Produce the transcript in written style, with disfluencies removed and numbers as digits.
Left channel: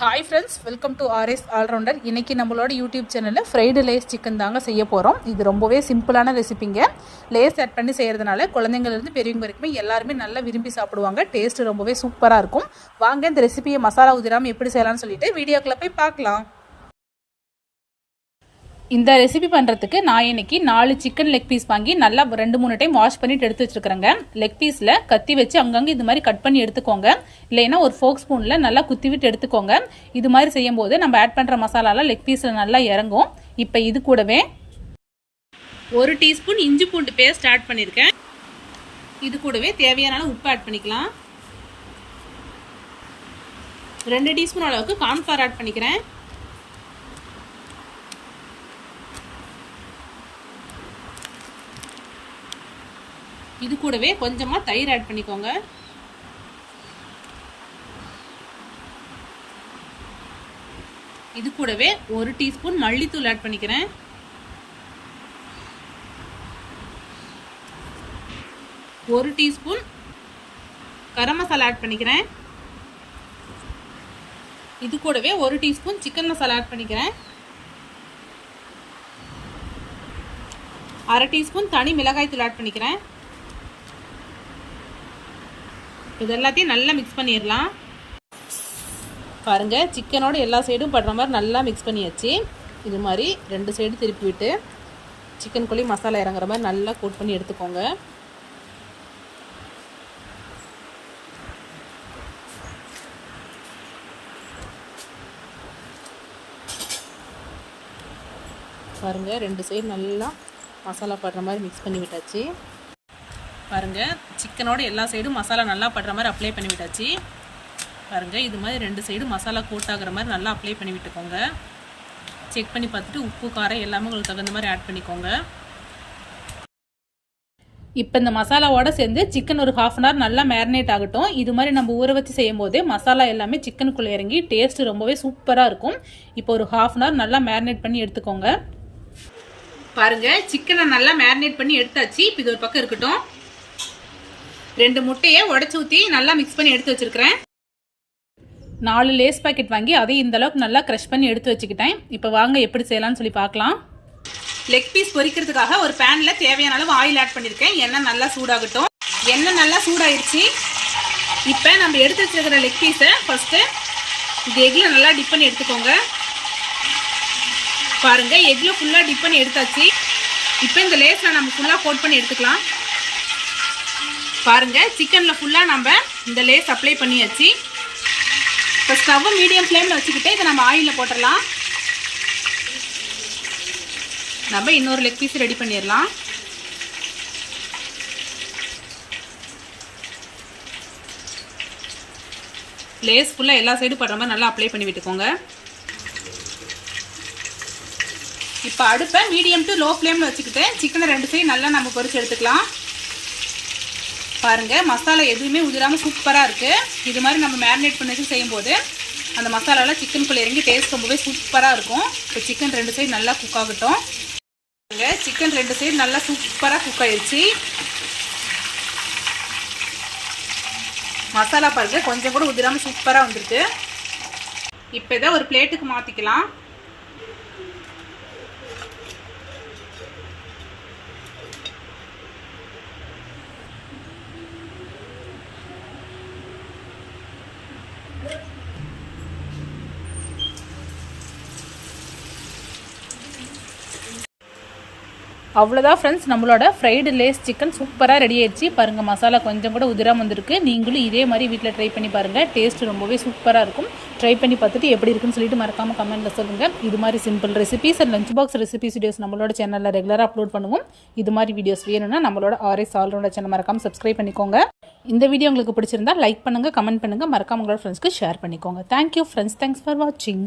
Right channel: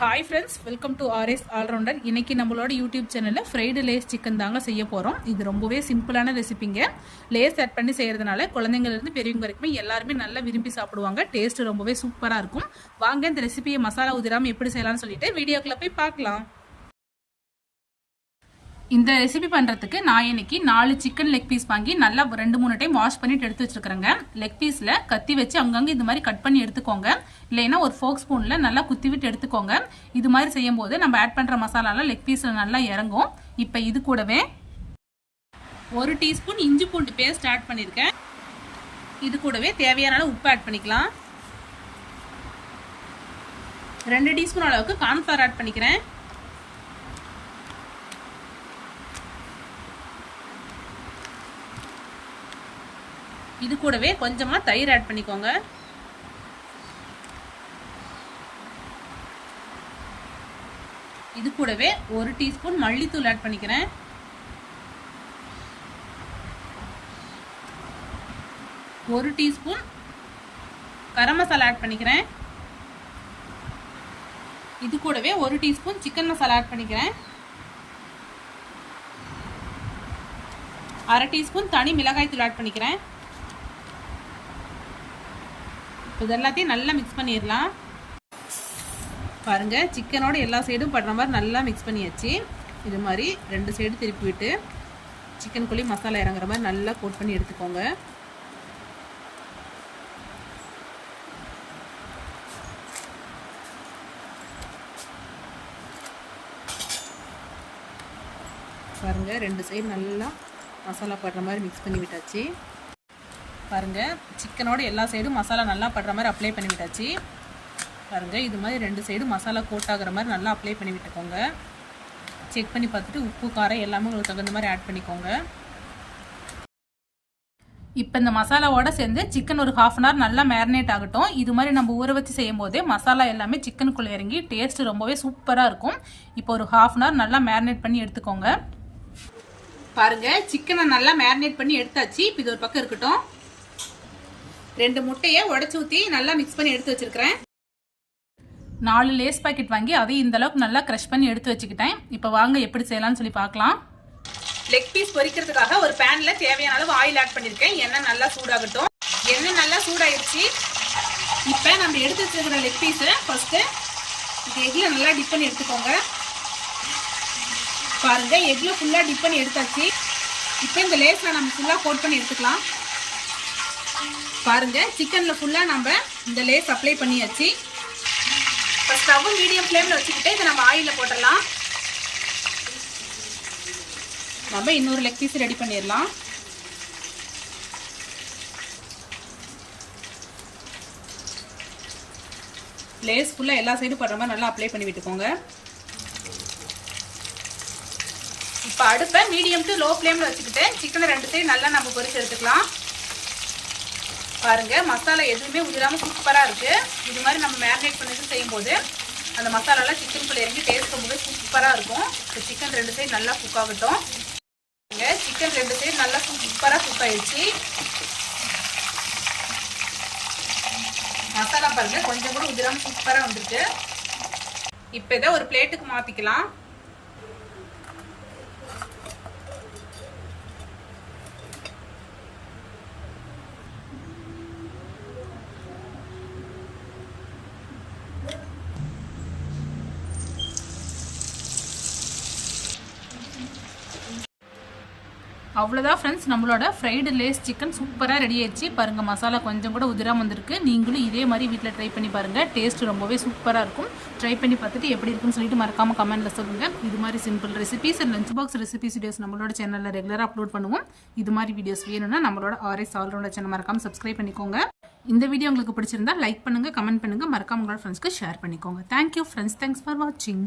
Hi friends, welcome to RS allrounder. இன்றைக்கி நம்மளோட YouTube சேனலில் ஃப்ரைடு லேஸ் சிக்கன் தாங்க செய்ய போகிறோம். இது ரொம்பவே சிம்பிளான ரெசிபிங்க. லேஸ் ஆட் பண்ணி செய்கிறதுனால குழந்தைங்கள்லேருந்து பெரியவங்க வரைக்குமே எல்லாருமே நல்லா விரும்பி சாப்பிடுவாங்க. டேஸ்ட்டு ரொம்பவே சூப்பராக இருக்கும். வாங்க இந்த ரெசிபியை மசாலா உதிராமல் எப்படி செய்யலாம்னு சொல்லிட்டு வீடியோக்குள்ளே போய் பார்க்கலாம். இந்த ரெசிபி பண்ணுறதுக்கு நான் இன்னைக்கு 4 சிக்கன் லெக் பீஸ் வாங்கி நல்லா 2-3 டைம் வாஷ் பண்ணிட்டு எடுத்து வச்சுருக்கிறேங்க. லெக் பீஸில் கத்தி வச்சு அங்கங்கே இது மாதிரி கட் பண்ணி எடுத்துக்கோங்க. இல்லைன்னா ஒரு ஃபோக் ஸ்பூனில் நல்லா குத்தி விட்டு எடுத்துக்கோங்க. இது மாதிரி செய்யும் போது நம்ம ஆட் பண்ணுற மசாலாலாம் லெக் பீஸில் நல்லா இறங்கும். இப்போ இது கூடவே 1 டீஸ்பூன் இஞ்சி பூண்டு பேஸ்ட் ஆட் பண்ணியிருக்கேன். இது கூடவே தேவையான உப்பு ஆட் பண்ணிக்கலாம். 2 டீஸ்பூன் அளவுக்கு கார்ன்ஃப்ளவர் ஆட் பண்ணிக்கிறேன். இது கூடவே கொஞ்சமாக தயிர் ஆட் பண்ணிக்கோங்க. இது கூடவே 1 டீஸ்பூன் மல்லித்தூள் ஆட் பண்ணிக்கிறேன். ஒரு டீஸ்பூன் கரம் மசாலா ஆட் பண்ணிக்கிறேன். இது கூடவே 1 டீஸ்பூன் சிக்கன் மசாலா ஆட் பண்ணிக்கிறேன். 1/2 டீஸ்பூன் தனி மிளகாய் தூள் ஆட் பண்ணிக்கிறேன். இது எல்லாத்தையும் நல்லா மிக்ஸ் பண்ணிடலாம். பாருங்கள், சிக்கனோட எல்லா சைடும் படுற மாதிரி நல்லா மிக்ஸ் பண்ணியாச்சு. இது மாதிரி 2 சைடு திருப்பி விட்டு சிக்கனுக்குள்ளேயும் மசாலா இறங்குற மாதிரி நல்லா கோட் பண்ணி எடுத்துக்கோங்க. பாருங்கள், 2 சைடு நல்லா மசாலா படுற மாதிரி மிக்ஸ் பண்ணி விட்டாச்சு. பாருங்கள், சிக்கனோட எல்லா சைடும் மசாலா நல்லா படுற மாதிரி அப்ளை பண்ணி விட்டாச்சு. பாருங்கள், இது மாதிரி 2 சைடும் மசாலா கோட் ஆகிற மாதிரி நல்லா அப்ளை பண்ணி விட்டுக்கோங்க. செக் பண்ணி பார்த்துட்டு உப்பு காரம் எல்லாமே உங்களுக்கு தகுந்த மாதிரி ஆட் பண்ணிக்கோங்க. இப்போ இந்த மசாலாவோட சேர்ந்து சிக்கன் ஒரு 1/2 அன் ஹவர் நல்லா மேரினேட் ஆகட்டும். இது மாதிரி நம்ம ஊற வச்சு செய்யும் போதே மசாலா எல்லாமே சிக்கனுக்குள்ளே இறங்கி டேஸ்ட் ரொம்பவே சூப்பராக இருக்கும். இப்போ ஒரு 1/2 அன் ஹவர் நல்லா மேரினேட் பண்ணி எடுத்துக்கோங்க. பாருங்கள், சிக்கனை நல்லா மேரினேட் பண்ணி எடுத்தாச்சு. இப்போ இது ஒரு பக்கம் இருக்கட்டும். 2 முட்டையை உடைச்சு ஊற்றி நல்லா மிக்ஸ் பண்ணி எடுத்து வச்சிருக்கிறேன். 4 லேஸ் பாக்கெட் வாங்கி அதையும் இந்த அளவுக்கு நல்லா க்ரஷ் பண்ணி எடுத்து வச்சுக்கிட்டேன். இப்போ வாங்க எப்படி செய்யலாம்னு சொல்லி பார்க்கலாம். லெக் பீஸ் பொரிக்கிறதுக்காக ஒரு பேனில் தேவையான அளவு ஆயில் ஆட் பண்ணியிருக்கேன். எண்ணெய் நல்லா சூடாகட்டும். எண்ணெய் நல்லா சூடாகிடுச்சு. இப்போ நம்ம எடுத்து வச்சிருக்கிற லெக் பீஸை ஃபஸ்ட்டு இது எக்கில் நல்லா டிப் பண்ணி எடுத்துக்கோங்க. பாருங்கள், எக்கில் ஃபுல்லாக டிப் பண்ணி எடுத்தாச்சு. இப்போ இந்த லேஸில் நம்ம ஃபுல்லாக கோட் பண்ணி எடுத்துக்கலாம். பாருங்கள், சிக்கனில் ஃபுல்லாக நம்ம இந்த லேஸ் அப்ளை பண்ணியாச்சு. இப்போ ஸ்டவ் மீடியம் ஃப்ளேமில் வச்சுக்கிட்டு இதை நம்ம ஆயிலில் போட்டுடலாம். நம்ம இன்னொரு லெக் பீஸ் ரெடி பண்ணிடலாம். லேஸ் ஃபுல்லாக எல்லா சைடும் படுற மாதிரி நல்லா அப்ளை பண்ணி விட்டுக்கோங்க. இப்போ அடுப்பை மீடியம் டு லோ ஃப்ளேமில் வச்சுக்கிட்டு சிக்கனை 2 சைடு நல்லா நம்ம பொரிச்சு எடுத்துக்கலாம். பாருங்கள், மசாலா எதுவுமே உதிராமல் சூப்பராக இருக்குது. இது மாதிரி நம்ம மேரினேட் பண்ணி செய்யும்போது அந்த மசாலாவில் சிக்கனுக்குள்ளே இறங்கி டேஸ்ட் ரொம்பவே சூப்பராக இருக்கும். இப்போ சிக்கன் 2 சைடு நல்லா குக் ஆகட்டும். சிக்கன் 2 சைடு நல்லா சூப்பராக குக் ஆயிடுச்சு. மசாலா பாருங்கள், கொஞ்சம் கூட உதிராமல் சூப்பராக வந்துருக்கு. இப்போ இதை ஒரு பிளேட்டுக்கு மாற்றிக்கலாம். அவ்வளோதான் ஃப்ரெண்ட்ஸ், நம்மளோட ஃப்ரைடு லேஸ் சிக்கன் சூப்பராக ரெடி ஆயிடுச்சு. பாருங்கள், மசாலா கொஞ்சம் கூட உதிராமல் வந்திருக்கு. நீங்களும் இதே மாதிரி வீட்டில் ட்ரை பண்ணி பாருங்கள். டேஸ்ட் ரொம்பவே சூப்பராக இருக்கும். ட்ரை பண்ணி பார்த்துட்டு எப்படி இருக்குன்னு சொல்லிட்டு மறக்காமல் கமெண்ட்டில் சொல்லுங்கள். இது மாதிரி simple recipes and lunch box recipes videos நம்மளோட சேனலில் ரெகுலராக அப்லோட் பண்ணுவோம். இது மாதிரி வீடியோஸ் வேணும்னா நம்மளோட ஆர்எஸ் ஆல்ரவுண்டர் சேனல் மறக்காமல் சப்ஸ்கிரைப் பண்ணிக்கோங்க. இந்த வீடியோ உங்களுக்கு பிடிச்சிருந்தா லைக் பண்ணுங்கள், கமெண்ட் பண்ணுங்கள், மறக்காம உங்களோட ஃப்ரெண்ட்ஸ்க்கு ஷேர் பண்ணிக்கோங்க. தேங்க்யூ ஃப்ரெண்ட்ஸ், தேங்க்ஸ் ஃபார் வாட்சிங்.